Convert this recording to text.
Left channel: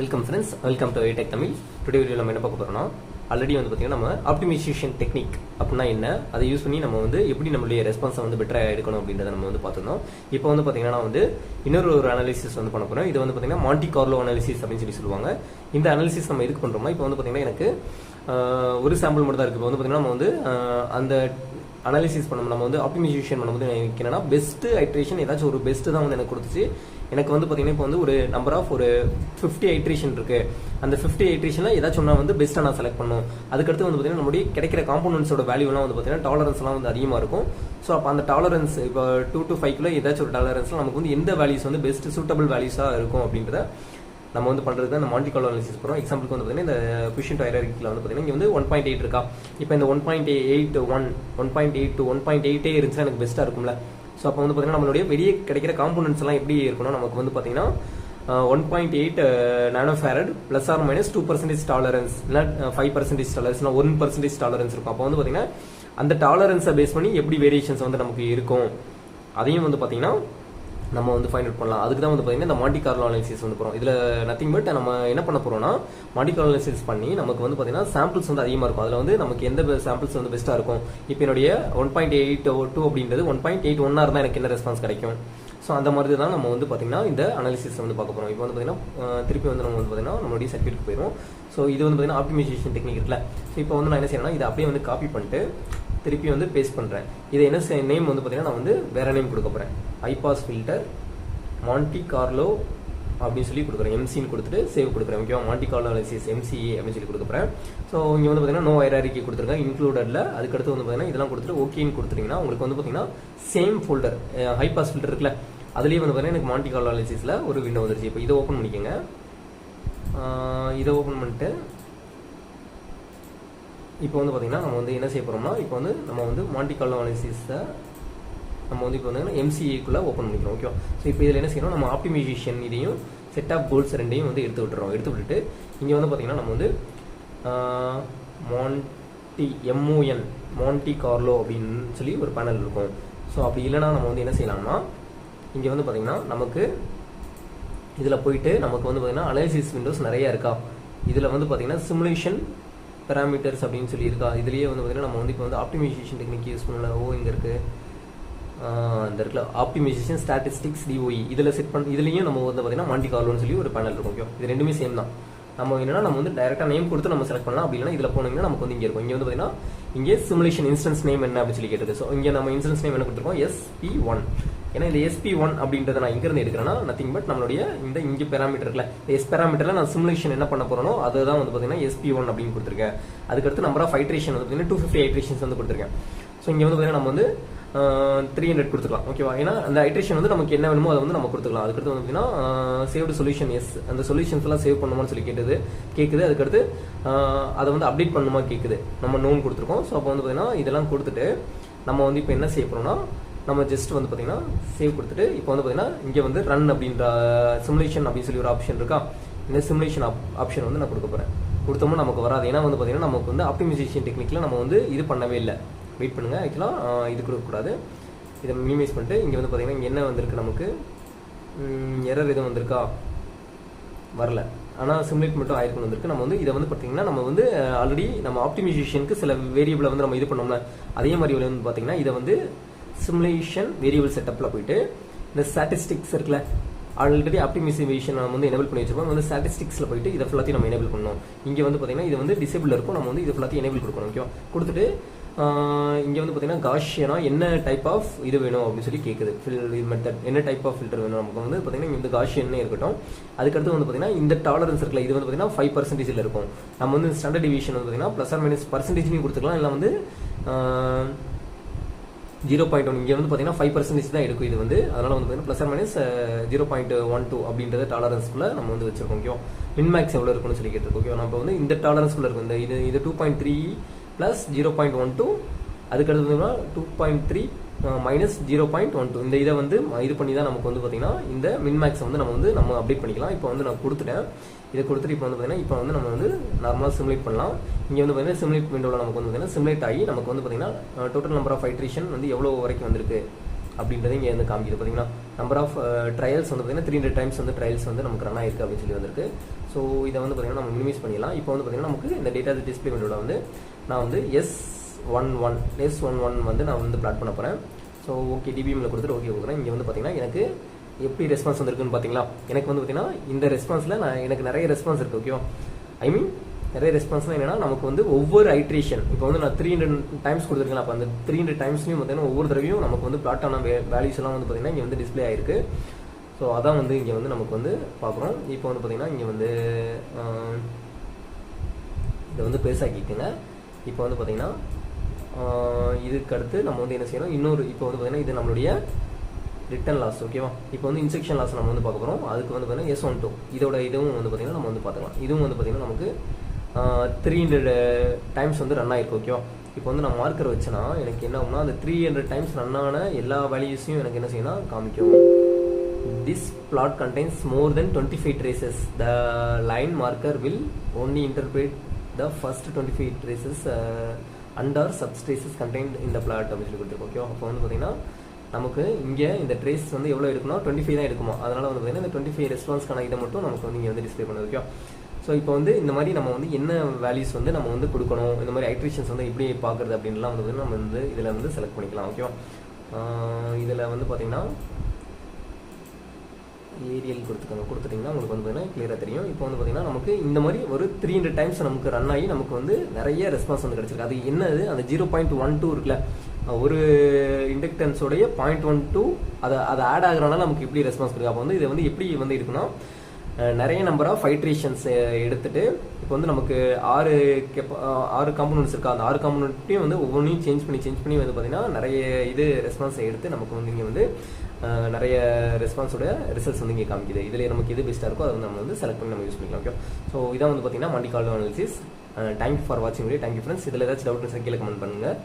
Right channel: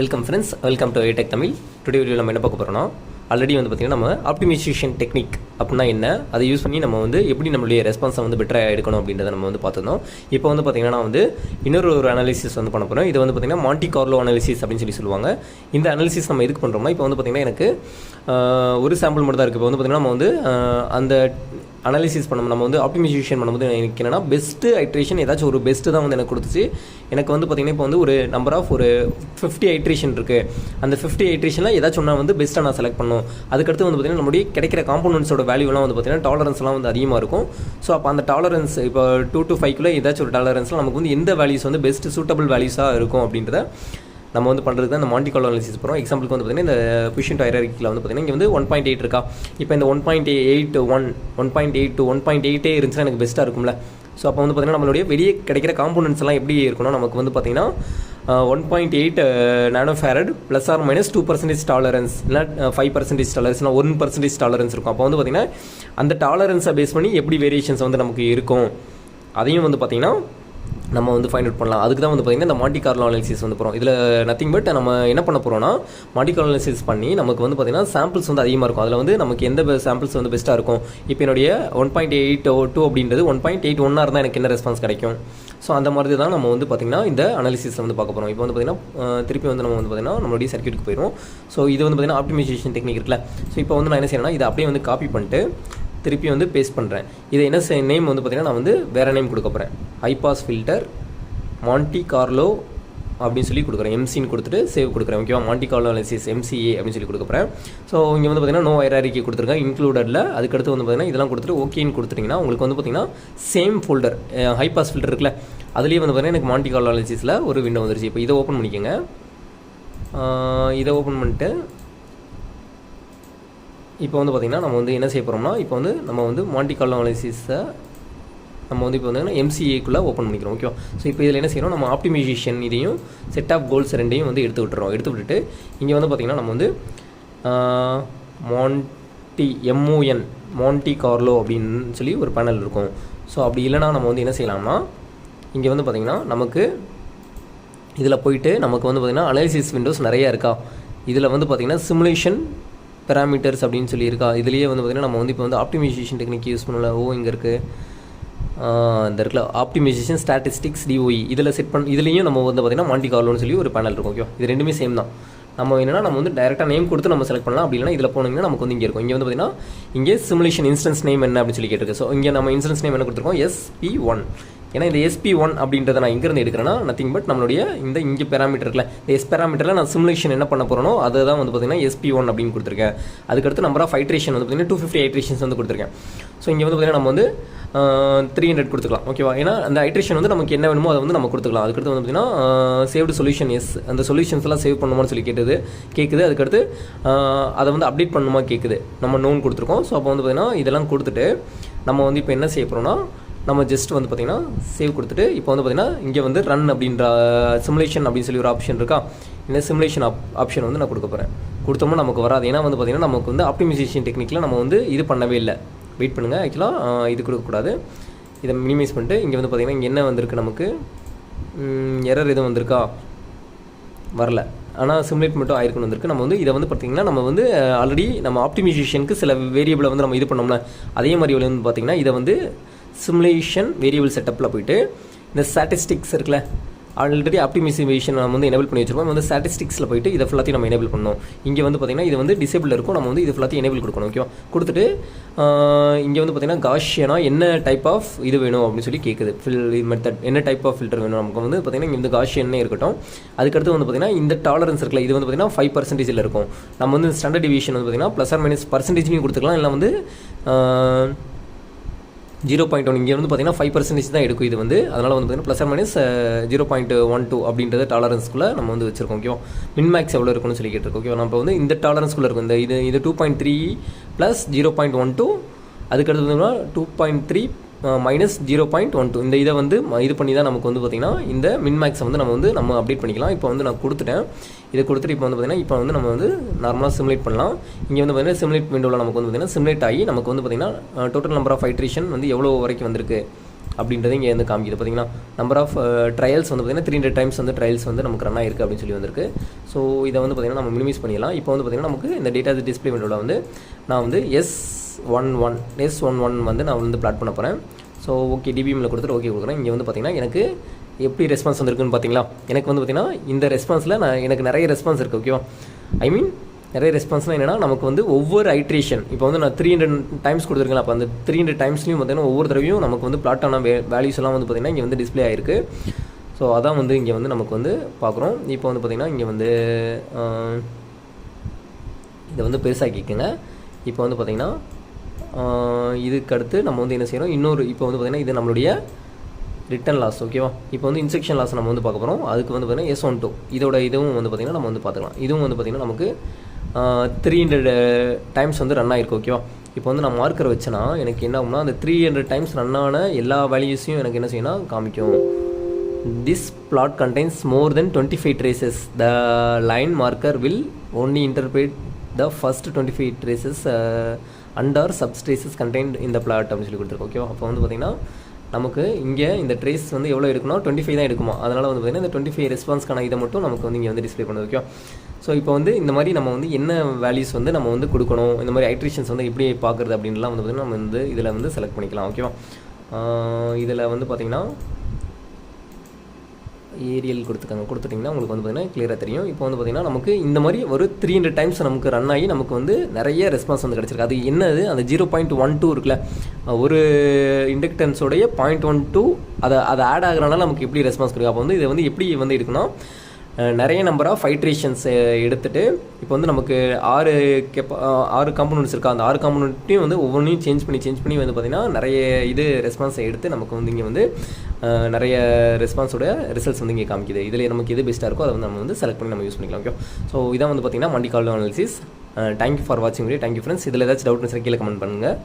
Welcome friends, welcome to iTech Tamil. Today video நம்ம என்ன பார்க்க போகிறோம்னா, ஆல்ரெடி வந்து பார்த்திங்கன்னா நம்ம ஆப்டிமைசேஷன் டெக்னிக் அப்படின்னா என்ன, அதை யூஸ் பண்ணி நம்ம வந்து எப்படி நம்மளுடைய ரெஸ்பான்ஸை வந்து பெட்டராக எடுக்கணும் அப்படின்றத நம்ம வந்து பார்த்துருந்தோம். இப்போ வந்து பார்த்திங்கன்னா நான் வந்து இன்னொரு அனாலிசிஸ் வந்து பண்ண போகிறோம். இது வந்து பார்த்திங்கன்னா மாண்டி கார்லோ அனாலிசிஸ் அப்படின்னு சொல்லுவாங்க. இந்த அனாலிசிஸ் நம்ம எதுக்கு பண்ணுறோம்னா, இப்போ வந்து பார்த்திங்கன்னா எனக்கு ஒரு சாம்பிள் மட்டும் தான் இருக்குது. இப்போ வந்து பார்த்திங்கன்னா நம்ம வந்து அந்த அனாலிசிஸ் பண்ணணும், நம்ம வந்து ஆப்டிமைசேஷன் பண்ணும்போது எனக்கு என்னென்னா பெஸ்ட்டு ஐட்ரேஷன் ஏதாச்சும் ஒரு பெஸ்ட்டு தான் வந்து எனக்கு கொடுத்துச்சு. எனக்கு வந்து பார்த்திங்கன்னா இப்போ வந்து ஒரு நம்பர் ஆஃப் ஒரு 50 ஐட்ரேஷன் இருக்குது. அந்த 50 ஐட்ரேஷனில் ஏதாச்சும் ஒன்றா வந்து பெஸ்ட்டாக நான் செலக்ட் பண்ணணும். அதுக்கடுத்து வந்து பார்த்திங்கன்னா நம்மளுடைய கிடைக்கிற காம்போனன்ஸோட வேல்யூலாம் வந்து பார்த்திங்கன்னா டாலரன்ஸ்லாம் வந்து அதிகமாக இருக்கும். ஸோ அப்போ அந்த டாலரன்ஸ் இப்போ 2 to 5 ஏதாச்சும் ஒரு டாலரன்ஸில் நமக்கு வந்து எந்த வேல்யூஸ் வந்து பெஸ்ட்டு சூட்டபிள் வேல்யூஸாக இருக்கும் அப்படின்றத நம்ம வந்து பண்ணுறது தான் இந்த மாண்டி கார்லோ அனாலிசிஸ் போகிறோம். எக்ஸாம்பிளுக்கு வந்து பார்த்திங்கன்னா இந்த பொசிஷன் ஹைரார்க்கியில் வந்து பார்த்திங்கன்னா இங்கே வந்து 1.8 இருக்கா. இப்போ இந்த 1.8 to 1.8 இருந்துச்சுன்னா எனக்கு பெஸ்ட்டாக இருக்கும்ல. ஸோ அப்போ வந்து பார்த்திங்கன்னா நம்மளுடைய வெளியே கிடைக்கிற காம்போனன்ட்ஸ் எல்லாம் எப்படி இருக்கணும், நமக்கு வந்து பார்த்திங்கன்னா 1.8 nano farad plus or minus 2% tolerance, இல்லை 5% டாலரன்ஸ், இல்லை 1% டாலரன்ஸ் இருக்கும். அப்போ வந்து பார்த்திங்கன்னா அந்த டாலரன்ஸை பேஸ் பண்ணி எப்படி வேரியேஷன்ஸ் வந்து நமக்கு இருக்கும் அதையும் வந்து பார்த்திங்கன்னா நம்ம வந்து ஃபைண்ட் அவுட் பண்ணலாம். அதுக்கு தான் வந்து பார்த்திங்கன்னா இந்த மாண்டி கார்லோ அனாலிசிஸ் வந்து போகிறோம். இதில் நத்திங் பட் நம்ம என்ன பண்ண போகிறோம்னா, மாண்டி கார்லோ அனாலிசிஸ் பண்ணி நமக்கு வந்து பார்த்திங்கன்னா சாம்பிள்ஸ் வந்து அதிகமாக இருக்கும். அதில் வந்து நமக்கு எந்த சாம்பிள்ஸ் வந்து பெஸ்ட்டாக இருக்கும். இப்போ என்னுடைய 1.82 அப்படின்றது 1.81 இருந்தால் எனக்கு என்ன ரெஸ்பான்ஸ் கிடைக்கும். ஸோ அந்த மாதிரி தான் நம்ம வந்து பார்த்திங்கன்னா இந்த அனாலிசிஸ் வந்து பார்க்க போகிறோம். இப்போ வந்து பார்த்திங்கன்னா திருப்பி வந்து நம்ம வந்து பார்த்திங்கன்னா நம்மளுடைய சர்க்யூட்டுக்கு போயிடும். ஸோ இது வந்து பார்த்திங்கன்னா ஆப்டிமைசேஷன் டெக்னிக் இருக்குல்ல. ஸோ இப்போ வந்து நான் என்ன செய்யணும்னா, இதை அப்படியே வந்து காப்பி பண்ணிட்டு திருப்பி வந்து பேஸ்ட் பண்ணுறேன். இதை என்ன நேம் வந்து பார்த்திங்கன்னா நான் வந்து வேறு நேம் கொடுக்க போகிறேன். ஹைபாஸ் ஃபில்டர் மாண்டி கார்லோ அப்படின்னு சொல்லி கொடுக்குறேன். எம்சின்னு கொடுத்துட்டு சேவ் கொடுக்குறேன். ஓகேவா, மாண்டி கார்லோ அனாலிசிஸ் MCA அப்படின்னு சொல்லி கொடுக்குறேன். ஸோ இங்கே வந்து பார்த்திங்கன்னா நோ ஹைரார்க்கி கொடுத்துருக்கேன் இன்க்ளூடடில். அதுக்கடுத்து வந்து பார்த்திங்கன்னா இதெல்லாம் கொடுத்துட்டு ஓகேன்னு கொடுத்துட்டிங்கன்னா உங்களுக்கு வந்து பார்த்திங்கன்னா சேம் ஃபோல்டர் ஹைபாஸ் ஃபில்டர் இருக்குல்ல, அதுலேயே வந்து பார்த்திங்கன்னா எனக்கு மாண்டி கார்லோ அனாலிசிஸில் ஒரு விண்டோ வந்துருச்சு. இப்போ இதை ஓப்பன் பண்ணிக்கோங்க. இதை ஓப்பன் பண்ணிட்டு இப்போ வந்து பார்த்திங்கன்னா நம்ம வந்து என்ன செய்ய போகிறோம்னா, இப்போ வந்து நம்ம வந்து மாண்டி கார்லோ அனாலிசிஸை நம்ம வந்து இப்போ வந்து MCAக்குள்ளே ஓப்பன் பண்ணிக்கிறோம். ஓகேவா. ஸோ இப்போ இதில் என்ன செய்யணும், நம்ம ஆப்டிமைசேஷன் இதையும் செட் ஆஃப் கோல்ஸ் ரெண்டையும் வந்து எடுத்து விட்டுட்டு இங்கே வந்து பார்த்திங்கன்னா நம்ம வந்து மாண்டி கார்லோ அப்படின்னு சொல்லி ஒரு பேனல் இருக்கும். ஸோ அப்படி இல்லைனா நம்ம வந்து என்ன செய்யலாம்னா, இங்கே வந்து பார்த்திங்கன்னா நமக்கு இதில் போயிட்டு நமக்கு வந்து பார்த்திங்கன்னா அனாலிசிஸ் விண்டோஸ் நிறையா இருக்கா. இதில் வந்து பார்த்திங்கன்னா சிமுலேஷன் பேராமீட்டர்ஸ் அப்படின்னு சொல்லி இருக்கா. இதுலேயே வந்து பார்த்திங்கன்னா நம்ம வந்து இப்போ வந்து ஆப்டிமைசேஷன் டெக்னிக் யூஸ் பண்ணல. இங்கே இருக்குது இந்த இருக்குல்ல ஆப்டிமைசேஷன் ஸ்டாட்டிஸ்டிக்ஸ் DOE, இதில் செட் பண்ண இதுலேயும் நம்ம வந்து பார்த்திங்கன்னா மாண்டி கார்லோன்னு சொல்லி ஒரு பேனல் இருக்கும். ஓகே, இது ரெண்டுமே சேம் தான். நம்ம என்னென்னா நம்ம வந்து டேரெக்டாக நேம் கொடுத்து நம்ம செலக்ட் பண்ணலாம். அப்படி இல்லைனா இதில் போனீங்கன்னா நமக்கு வந்து இங்கே இருக்கும். இங்கே வந்து பார்த்திங்கன்னா இங்கே சிமுலேஷன் இன்ஸ்டன்ஸ் நேம் என்ன அப்படின்னு சொல்லி கேட்டிருக்கு. ஸோ இங்கே நம்ம இன்ஸ்டன்ஸ் நேம் என்ன கொடுத்துருக்கோம், SP1. ஏன்னா இந்த SP1 அப்படின்றத நான் இங்கேருந்து எடுக்கிறேன்னா நத்திங் பட் நம்மளுடைய இந்த இங்கே பேராமீட்டர் இருக்குல்ல, இந்த பேராமீட்டரில் நான் சிமுலேஷன் என்ன பண்ண போகிறோனோ அதை தான் வந்து பார்த்திங்கன்னா SP1 அப்படின்னு கொடுத்துருக்கேன். அதுக்கடுத்து நம்பர் ஆஃப் ஐட்ரேஷன் வந்து பார்த்திங்கன்னா 250 ஐட்ரேஷன்ஸ் வந்து கொடுத்துருக்கேன். ஸோ இங்கே வந்து பார்த்திங்கன்னா நம்ம வந்து 300 கொடுத்துக்கலாம். ஓகேவா. ஏன்னா அந்த ஐட்ரேஷன் வந்து நமக்கு என்ன வேணுமோ அதை வந்து நம்ம கொடுத்துக்கலாம். அதுக்கடுத்து வந்து பார்த்திங்கன்னா சேவ்டு சொல்யூஷன் அந்த சொல்யூஷன்ஸ் எல்லாம் சேவ் பண்ணுமான்னு சொல்லி கேட்குது. அதுக்கடுத்து அதை வந்து அப்டேட் பண்ணுமா கேட்குது. நம்ம நோன் கொடுத்துருக்கோம். ஸோ அப்போ வந்து பார்த்திங்கன்னா இதெல்லாம் கொடுத்துட்டு நம்ம வந்து இப்போ என்ன செய்ய போகிறோம்னா, நம்ம ஜஸ்ட் வந்து பார்த்திங்கன்னா சேவ் கொடுத்துட்டு இப்போ வந்து பார்த்திங்கன்னா இங்கே வந்து ரன் அப்படின்ற சிமுலேஷன் அப்படின்னு சொல்லி ஒரு ஆப்ஷன் இருக்கா. இந்த சிமுலேஷன் ஆப்ஷன் வந்து நான் கொடுக்க போகிறேன். கொடுத்தோம்னா நமக்கு வராது. ஏன்னா வந்து பார்த்திங்கன்னா நமக்கு வந்து ஆப்டிமைசேஷன் டெக்னிக்கில் நம்ம வந்து இது பண்ணவே இல்லை. வெயிட் பண்ணுங்கள். ஆக்சுவலாக இது கொடுக்கக்கூடாது. இதை மினிமைஸ் பண்ணிட்டு இங்கே வந்து பார்த்திங்கன்னா இங்கே என்ன வந்திருக்கு, நமக்கு எரர் எதுவும் வந்திருக்கா, வரல. ஆனால் சிமுலேட் மட்டும் ஆயிருக்குன்னு வந்திருக்கு. நம்ம வந்து இதை வந்து பார்த்திங்கன்னா நம்ம வந்து ஆல்ரெடி நம்ம ஆப்டிமைசேஷனுக்கு சில வேரியபிளை வந்து நம்ம இது பண்ணோம்னா அதே மாதிரி வந்து பார்த்திங்கன்னா இதை வந்து சிமுலேஷன் வேரியபிள் செட்டப்பில் போயிட்டு இந்த ஸ்டாட்டிஸ்டிக்ஸ் இருக்குல்ல, ஆல்ரெடி ஆப்டிமைசேஷன் நம்ம வந்து எனேபிள் பண்ணி வச்சிருக்கோம். வந்து ஸ்டாட்டிஸ்டிக்ஸில் போயிட்டு இதை ஃபுல்லாத்தையும் நம்ம எனேபிள் பண்ணணும். இங்கே வந்து பார்த்திங்கன்னா இது வந்து டிசேபிள் இருக்கும். நம்ம வந்து இது ஃபுல்லாத்தையும் எனேபிள் கொடுக்கணும். ஓகேவா. கொடுத்துட்டு இங்கே வந்து பார்த்திங்கன்னா காஷியனா என்ன டைப் ஆஃப் இது வேணும் அப்படின்னு சொல்லி கேட்குது. மெத்தட் என்ன டைப் ஆஃப் ஃபில்டர் வேணும் நமக்கு வந்து பார்த்திங்கன்னா இங்கே வந்து காஷியன்னே இருக்கட்டும். அதுக்கடுத்து வந்து பார்த்திங்கன்னா இந்த டாலரன்ஸ் இருக்குல்ல, இது வந்து பார்த்திங்கன்னா 5% இருக்கும். நம்ம வந்து ஸ்டாண்டர்ட் டிவியேஷன் வந்து பார்த்திங்கன்னா ப்ளஸ் ஆர் மைனஸ் பர்சன்டேஜ்லையும் கொடுத்துக்கலாம். இல்லை வந்து 0.1 இங்கே வந்து பார்த்திங்கன்னா 5% தான் எடுக்கும் இது வந்து. அதனால் வந்து பார்த்திங்கன்னா ப்ளஸ் ஆர் மைனஸ் 0.12 அப்படின்றத டாலரன்ஸ்குள்ளே நம்ம வந்து வச்சுருக்கோம். ஓகேவா. மின்மேக்ஸ் எவ்வளோ இருக்குன்னு சொல்லி கேட்டிருக்கோம். ஓகேவா. நம்ம வந்து இந்த டாலரன்ஸ்குள்ளே இருக்கும். இது 2.3 ப்ளஸ் 0.12, அதுக்கடுத்து வந்து 2.3 மைனஸ் 0.12 இந்த இதை வந்து இது பண்ணி தான் நமக்கு வந்து பார்த்திங்கன்னா இந்த மின்மேக்ஸை வந்து நம்ம அப்டேட் பண்ணிக்கலாம். இப்போ வந்து நான் கொடுத்துட்டேன். இதை கொடுத்துட்டு இப்போ வந்து பார்த்திங்கன்னா இப்போ வந்து நம்ம வந்து நார்மலாக சிமுலேட் பண்ணலாம். இங்கே வந்து பார்த்திங்கன்னா சிமுலேட் விண்டோவில் நமக்கு வந்து பார்த்திங்கன்னா சிமுலேட் ஆகி நமக்கு வந்து பார்த்திங்கன்னா டோட்டல் நம்பர் ஆஃப் ஐட்ரேஷன் வந்து எவ்வளோ வரைக்கும் வந்திருக்கு அப்படின்றத இங்கே வந்து காமிக்குது. பார்த்தீங்கன்னா நம்பர் ஆஃப் ட்ரையல்ஸ் வந்து பார்த்திங்கன்னா 300 டைம்ஸ் வந்து ட்ரையல்ஸ் வந்து நமக்கு ரன் ஆயிருக்கு அப்படின்னு சொல்லி வந்திருக்கு. ஸோ இதை வந்து பார்த்திங்கன்னா நம்ம மினிமைஸ் பண்ணிடலாம். இப்போ வந்து பார்த்திங்கன்னா நமக்கு இந்த டேட்டா டிஸ்பிளே விண்டோவில் வந்து நான் வந்து S11 வந்து நான் வந்து பிளாட் பண்ண போகிறேன். ஸோ ஓகே டிபிஎம்மில் கொடுத்துட்டு ஓகே கொடுக்குறேன். இங்கே வந்து பார்த்திங்கன்னா எனக்கு எப்படி ரெஸ்பான்ஸ் வந்துருக்குன்னு பார்த்தீங்களா? எனக்கு வந்து பார்த்திங்கன்னா இந்த ரெஸ்பான்ஸில் எனக்கு நிறைய ரெஸ்பான்ஸ் இருக்குது. ஓகேவா? ஐ மீன் நிறைய ரெஸ்பான்ஸ்னால் என்னென்னா நமக்கு வந்து ஒவ்வொரு ஐட்ரேஷன் இப்போ வந்து நான் 300 டைம்ஸ் கொடுத்துருக்கேன். அப்போ அந்த 300 டைம்ஸ்லையும் பார்த்தீங்கன்னா ஒவ்வொரு தடவையும் நமக்கு வந்து பிளாட் ஆன வேல்யூஸ் எல்லாம் வந்து பார்த்திங்கன்னா இங்கே வந்து டிஸ்பிளே ஆயிருக்கு. ஸோ அதான் வந்து இங்கே வந்து நமக்கு வந்து பார்க்குறோம். இப்போ வந்து பார்த்திங்கன்னா இங்கே வந்து இதை வந்து பெருசாக்கிக்கோங்க. இப்போ வந்து பார்த்திங்கன்னா இதுக்கு அடுத்து நம்ம வந்து என்ன செய்யணும், இன்னொரு இப்போ வந்து பார்த்திங்கன்னா இது நம்மளுடைய ரிட்டன் லாஸ். ஓகேவா? இப்போ வந்து இன்செக்ஷன் லாஸ் நம்ம வந்து பார்க்க போகிறோம். அதுக்கு வந்து பார்த்திங்கன்னா S12 இதோட இதுவும் வந்து பார்த்திங்கன்னா நம்ம வந்து பார்த்துக்கலாம். இதுவும் வந்து பார்த்திங்கன்னா நமக்கு 300 டைம்ஸ் வந்து ரன் ஆகிருக்கு. ஓகேவா? இப்போ வந்து நான் மார்க்கர் வச்சேன்னா எனக்கு என்ன ஆகும்னா அந்த 300 டைம்ஸ் ரன் ஆன எல்லா வேல்யூஸையும் எனக்கு என்ன செய்யணும் காமிக்கும். This plot contains more than 25 traces. The line marker will only interpret the first 25 traces under subtraces contained in the plot அப்படின்னு சொல்லி கொடுத்துருக்கோம். ஓகேவா? அப்போ வந்து பார்த்திங்கன்னா நமக்கு இங்கே இந்த ட்ரேஸ் வந்து எவ்வளோ எடுக்கணும், 25 தான் எடுக்குமா. அதனால் வந்து பார்த்திங்கன்னா இந்த 25 ரெஸ்பான்ஸ்க்கான இதை மட்டும் நமக்கு வந்து இங்கே வந்து டிஸ்பிளே பண்ணுது. ஓகே? ஸோ இப்போ வந்து இந்த மாதிரி நம்ம வந்து என்ன வேல்யூஸ் வந்து நம்ம வந்து கொடுக்கணும், இந்த மாதிரி ஐட்ரேஷன்ஸ் வந்து எப்படி பார்க்குறது அப்படின்லாம் வந்து நம்ம வந்து இதில் வந்து செலக்ட் பண்ணிக்கலாம். ஓகேவா? இதில் வந்து பார்த்திங்கன்னா ஏரியல் கொடுத்துட்டிங்கன்னா உங்களுக்கு வந்து பார்த்திங்கன்னா கிளியராக தெரியும். இப்போ வந்து பார்த்திங்கன்னா நமக்கு இந்த மாதிரி ஒரு 300 டைம்ஸ் நமக்கு ரன் ஆகி நமக்கு வந்து நிறைய ரெஸ்பான்ஸ் வந்து கிடச்சிருக்கு. அது என்னது, அந்த 0.12 இருக்குல்ல, ஒரு இண்டக்டன்ஸோடைய 0.12 அதை ஆட் ஆகுறதுனால நமக்கு எப்படி ரெஸ்பான்ஸ் கிடைக்கும். அப்போ வந்து இதை வந்து எப்படி வந்து இருக்குன்னா நிறைய நம்பர் ஆஃப் ஐட்ரேஷன்ஸ் எடுத்துகிட்டு இப்போ வந்து நமக்கு 6 காம்பனண்ட்ஸ் இருக்குது. அந்த 6 காம்பனண்ட்டையும் வந்து ஒவ்வொன்றையும் சேஞ்ச் பண்ணி வந்து பார்த்திங்கன்னா நிறைய இது ரெஸ்பான்ஸை எடுத்து நமக்கு வந்து இங்கே வந்து நிறைய ரெஸ்பான்ஸோட ரிசல்ட்ஸ் வந்து இங்கே காமிக்குது. இதில் நமக்கு எது பெஸ்ட்டாக இருக்கோ அதை வந்து நம்ம வந்து செலக்ட் பண்ணி நம்ம யூஸ் பண்ணிக்கலாம். ஓகே? ஸோ இதான் வந்து பார்த்திங்கன்னா multi called analysis. Thank you for வாட்சிங் வீடியோ. Thank you friends. இதில் ஏதாச்சும் டவுட் கீழே கமெண்ட் பண்ணுங்கள்.